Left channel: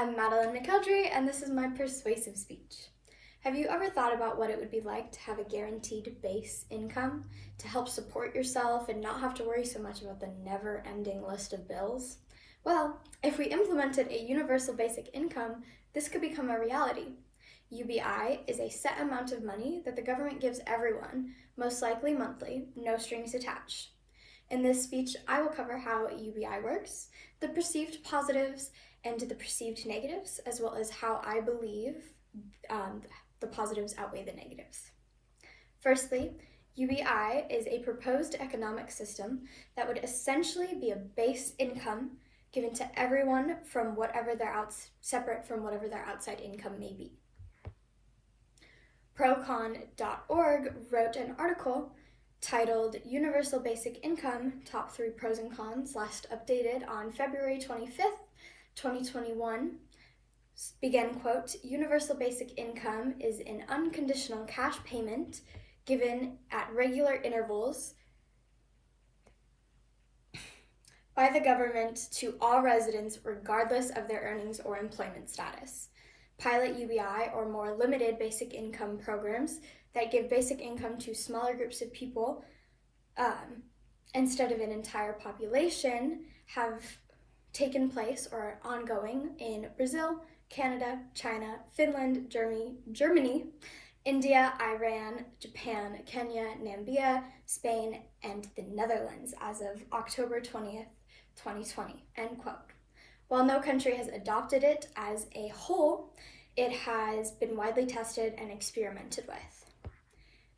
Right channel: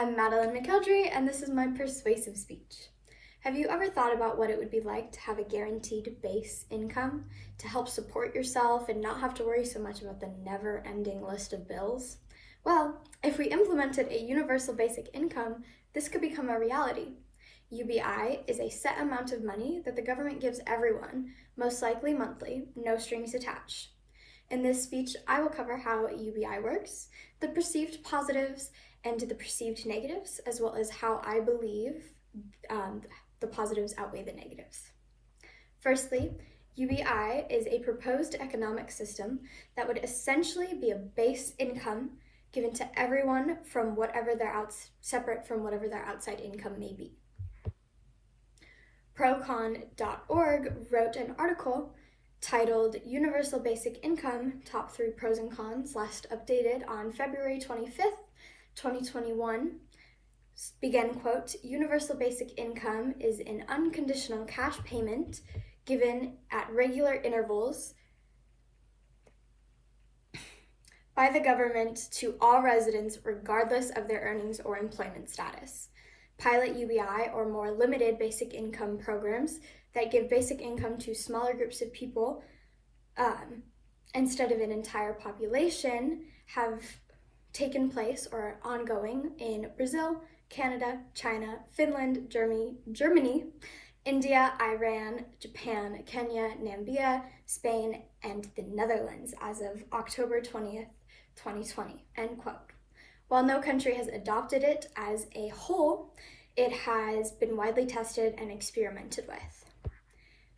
I'm Madeline McElderry, and this is my persuasive speech. Have you ever thought about what it would be like to have a guaranteed base income to help support yourself and not have to worry so much about the never-ending list of bills? Well, if we implemented a universal basic income, this could become a reality. UBI is a set amount of money that the government gives everyone, most likely monthly, no strings attached. In this speech, I will cover how UBI works, the perceived positives and the perceived negatives, as well as how I believe the positives outweigh the negatives. Firstly, UBI is a proposed economic system that would essentially be a base income given to everyone from separate from whatever their outside income may be. Procon.org wrote an article titled Universal Basic Income, Top 3 Pros and Cons, last updated on February 25th, 2021. Begin quote, universal basic income is an unconditional cash payment given at regular intervals by the government to all residents regardless of their earnings or employment status. Pilot UBI or more limited basic income programs that give basic income to smaller groups of people instead of an entire population have taken place or are ongoing in Brazil, Canada, China, Finland, Germany, India, Iran, Japan, Kenya, Namibia, Spain, and the Netherlands as of October 20th, 2020, end quote. While no country has adopted it as a whole, it has been widely tested and experimented with.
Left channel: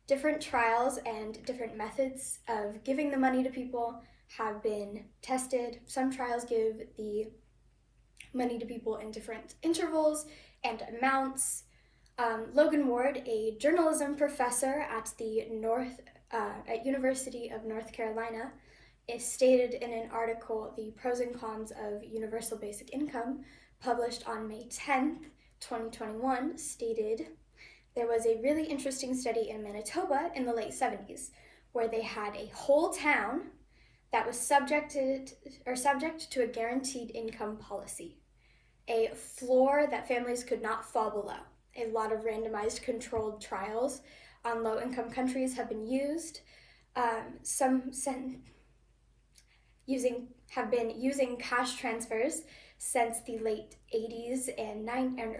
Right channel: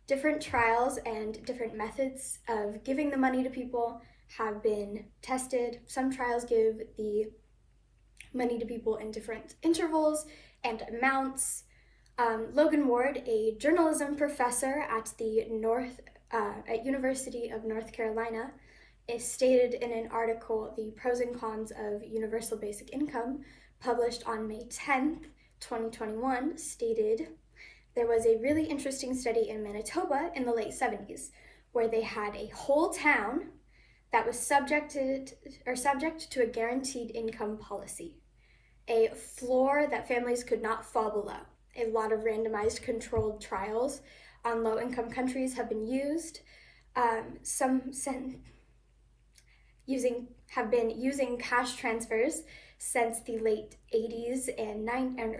Different trials and different methods of giving the money to people have been tested. Some trials give the money to people in different intervals and amounts. Logan Ward, a journalism professor at the University of North Carolina, is stated in an article, The Pros and Cons of Universal Basic Income, published on May 10th, 2021, stated, there was a really interesting study in Manitoba in the late 70s where they had a whole town that was subject to a guaranteed income policy, a floor that families could not fall below. A lot of randomized controlled trials on low-income countries have been used. Have been using cash transfers since the late 80s and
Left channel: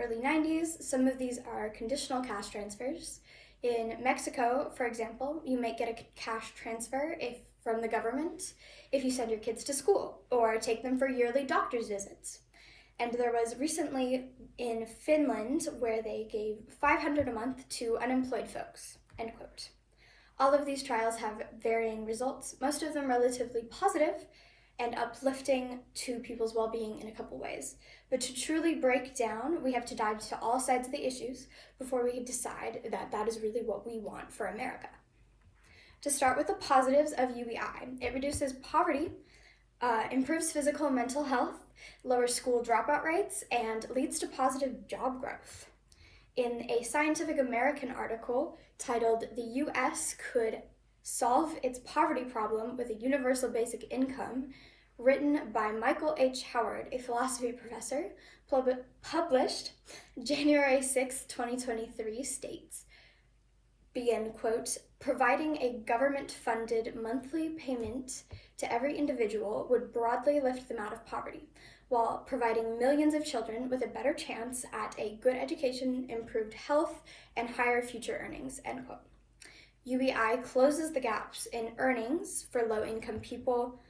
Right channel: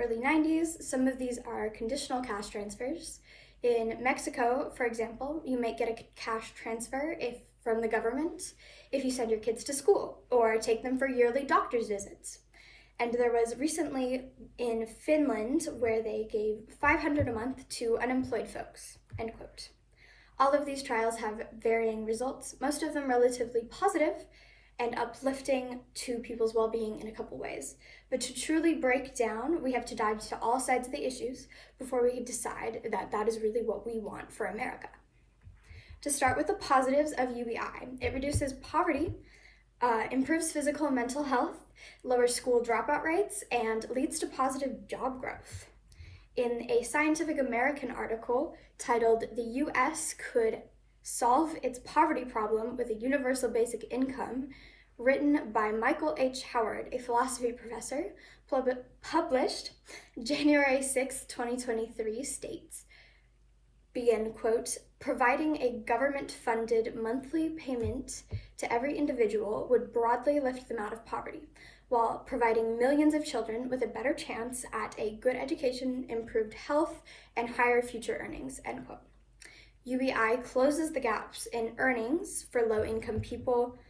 early 90s. Some of these are conditional cash transfers. In Mexico, for example, you might get a cash transfer from the government if you send your kids to school or take them for yearly doctor's visits. And there was recently in Finland where they gave $500 a month to unemployed folks, end quote. All of these trials have varying results, most of them relatively positive and uplifting to people's well-being in a couple ways. But to truly break down, we have to dive into all sides of the issues before we decide that that is really what we want for America. To start with the positives of UBI, it reduces poverty, improves physical and mental health, lowers school dropout rates, and leads to positive job growth. In a Scientific American article titled The U.S. Could Solve Its Poverty Problem with a Universal Basic Income, written by Michael H. Howard, a philosophy professor, published January 6, 2023, states, begin quote, providing a government-funded monthly payment to every individual would broadly lift them out of poverty, while providing millions of children with a better chance at a good education, improved health, and higher future earnings, end quote. UBI closes the gaps in earnings for low-income people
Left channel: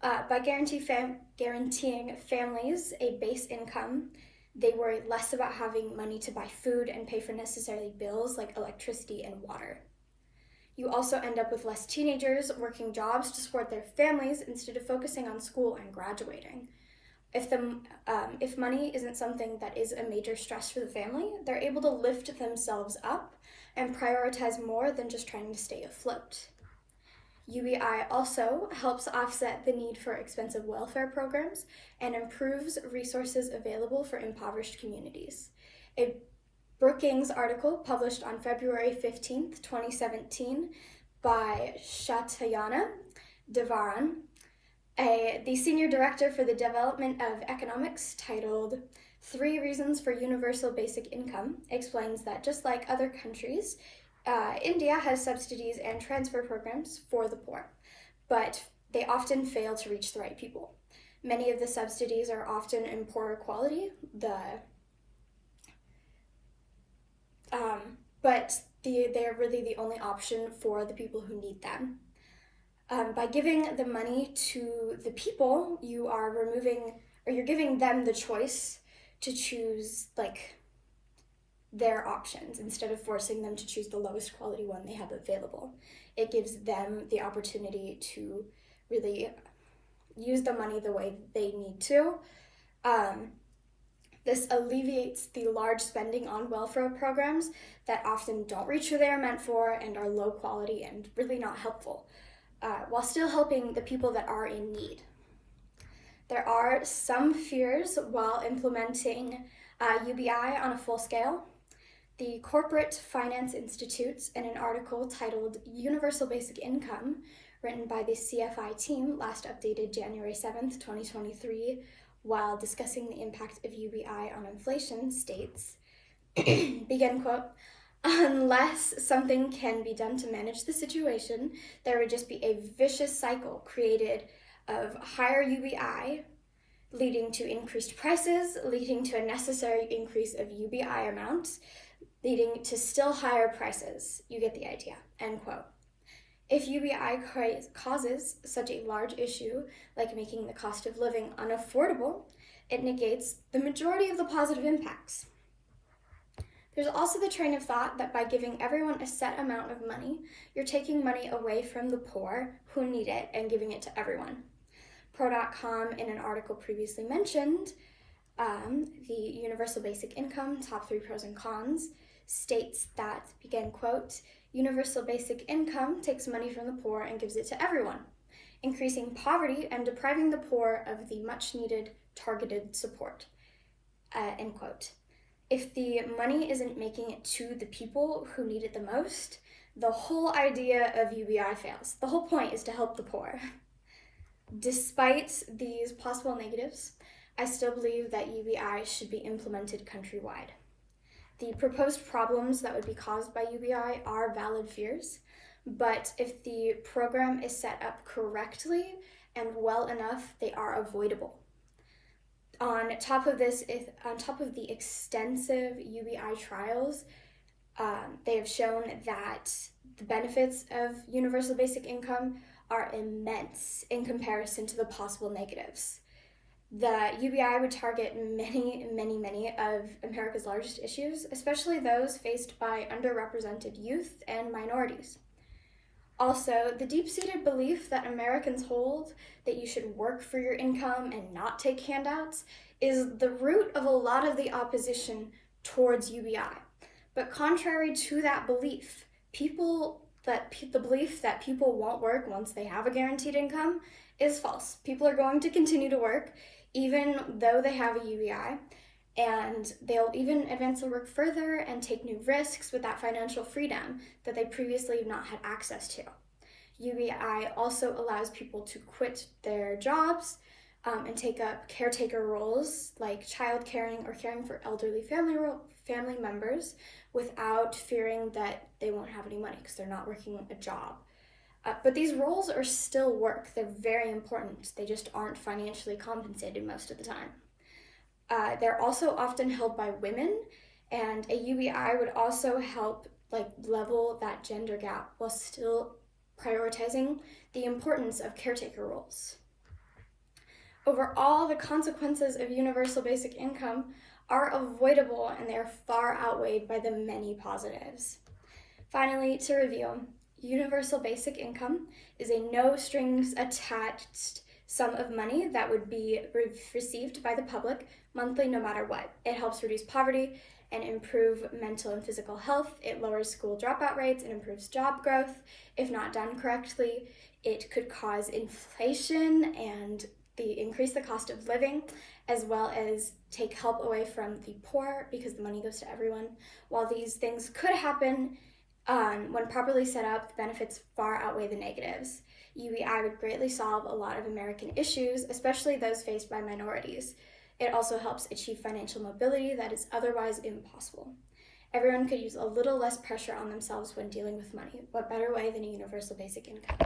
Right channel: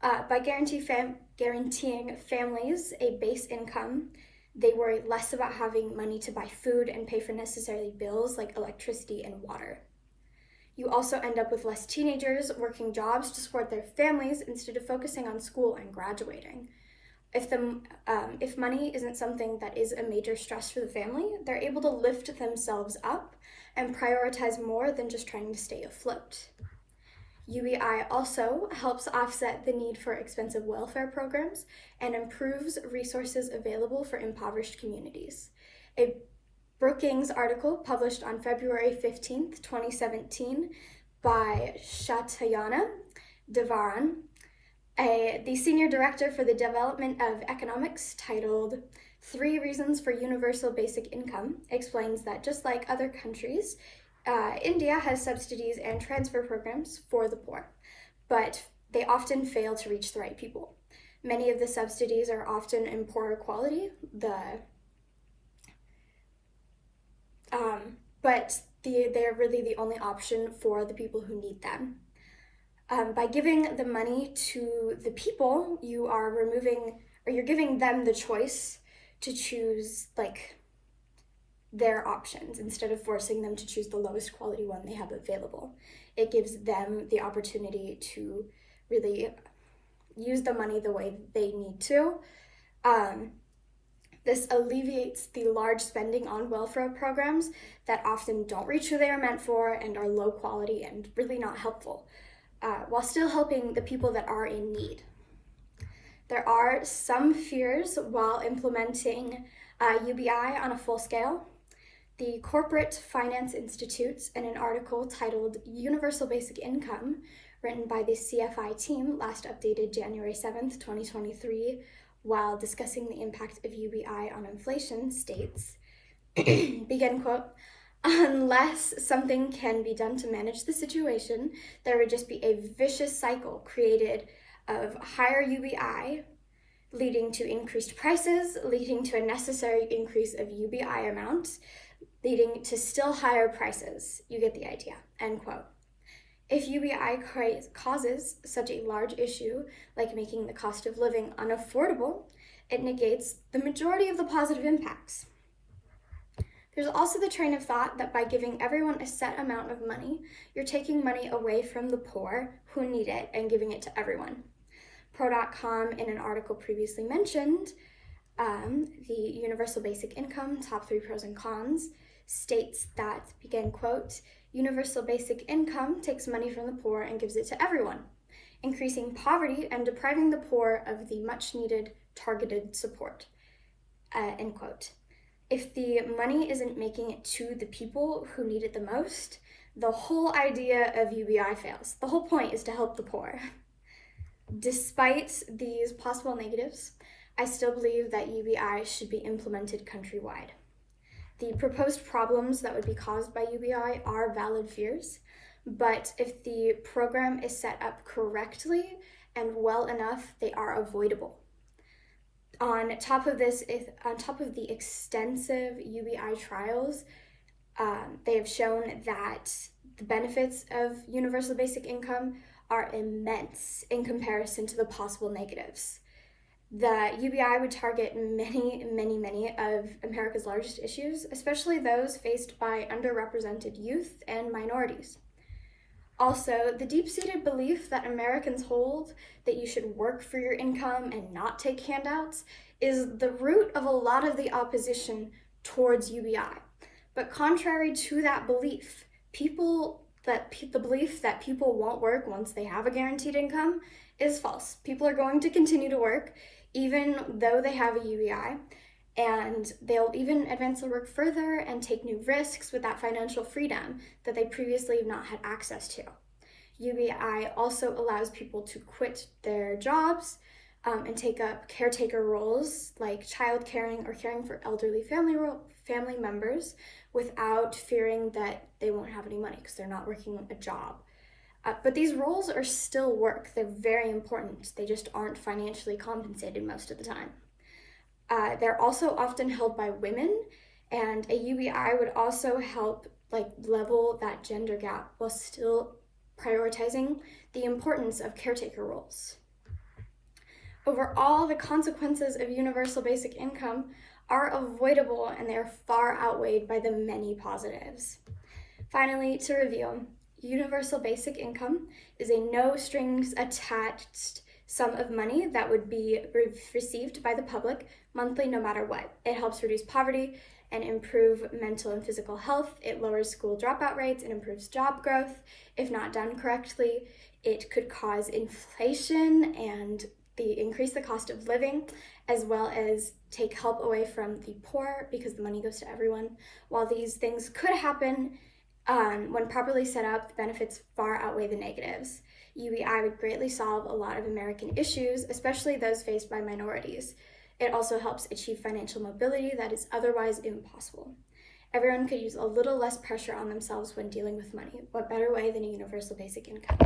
by guaranteeing families a base income. They worry less about having money to buy food and pay for necessary bills like electricity and water. You also end up with less teenagers working jobs to support their families instead of focusing on school and graduating. If money isn't something that is a major stress for the family, they're able to lift themselves up and prioritize more than just trying to stay afloat. UBI also helps offset the need for expensive welfare programs and improves resources available for impoverished communities. A Brookings article published on February 15th, 2017 by Shatyana Devaran, a The senior director for the Development of Economics, titled "Three Reasons for Universal Basic Income," explains that just like other countries, India has subsidies and transfer programs for the poor, but they often fail to reach the right people. Many of the subsidies are often in poorer quality, but they're really the only option for the people who need them. By giving the money to the people, you're giving them the choice to choose their options instead of forcing them to choose the lowest quality one they have available. It gives them the opportunity to really use the money the way they need to. This alleviates the large spending on welfare programs that often don't reach who they are meant for and are low quality and really not helpful, while still helping the people that are in need. There are some fears while implementing UBI on a full scale. The Corporate Finance Institute, in an article titled "Universal Basic Income," written by the CFI team, last updated January 7th, 2023, while discussing the impact of UBI on inflation, states, begin quote, "Unless something can be done to manage the situation, there would just be a vicious cycle created of higher UBI, leading to increased prices, leading to a necessary increase of UBI amounts, leading to still higher prices. You get the idea," end quote. If UBI causes such a large issue, like making the cost of living unaffordable, it negates the majority of the positive impacts. There's also the train of thought that by giving everyone a set amount of money, you're taking money away from the poor who need it and giving it to everyone. Pro.com, in an article previously mentioned, the Universal Basic Income, Top 3 Pros and Cons, states that, begin quote, "Universal Basic Income takes money from the poor and gives it to everyone, increasing poverty and depriving the poor of the much-needed targeted support," end quote. If the money isn't making it to the people who need it the most, the whole idea of UBI fails. The whole point is to help the poor. Despite these possible negatives, I still believe that UBI should be implemented countrywide. The proposed problems that would be caused by UBI are valid fears, but if the program is set up correctly and well enough, they are avoidable. On top of the extensive UBI trials, they have shown that the benefits of universal basic income are immense in comparison to the possible negatives. The UBI would target many of America's largest issues, especially those faced by underrepresented youth and minorities. Also, the deep-seated belief that Americans hold that you should work for your income and not take handouts is the root of a lot of the opposition towards UBI. But contrary to that belief, the belief that people won't work once they have a guaranteed income is false. People are going to continue to work even though they have a UBI, and they'll even advance their work further and take new risks with that financial freedom that they previously have not had access to. UBI also allows people to quit their jobs and take up caretaker roles like child caring or caring for elderly family members without fearing that they won't have any money because they're not working a job. But these roles are still work. They're very important. They just aren't financially compensated most of the time. They're also often held by women, and a UBI would also help level that gender gap while still prioritizing the importance of caretaker roles. Overall, the consequences of universal basic income are avoidable, and they are far outweighed by the many positives. Finally, to review, universal basic income is a no-strings-attached sum of money that would be received by the public monthly no matter what. It helps reduce poverty and improve mental and physical health. It lowers school dropout rates and improves job growth. If not done correctly, it could cause inflation and increase the cost of living, as well as take help away from the poor because the money goes to everyone. While these things could happen, when properly set up, the benefits far outweigh the negatives. UBI would greatly solve a lot of American issues, especially those faced by minorities. It also helps achieve financial mobility that is otherwise impossible. Everyone could use a little less pressure on themselves when dealing with money. What better way than a universal basic income?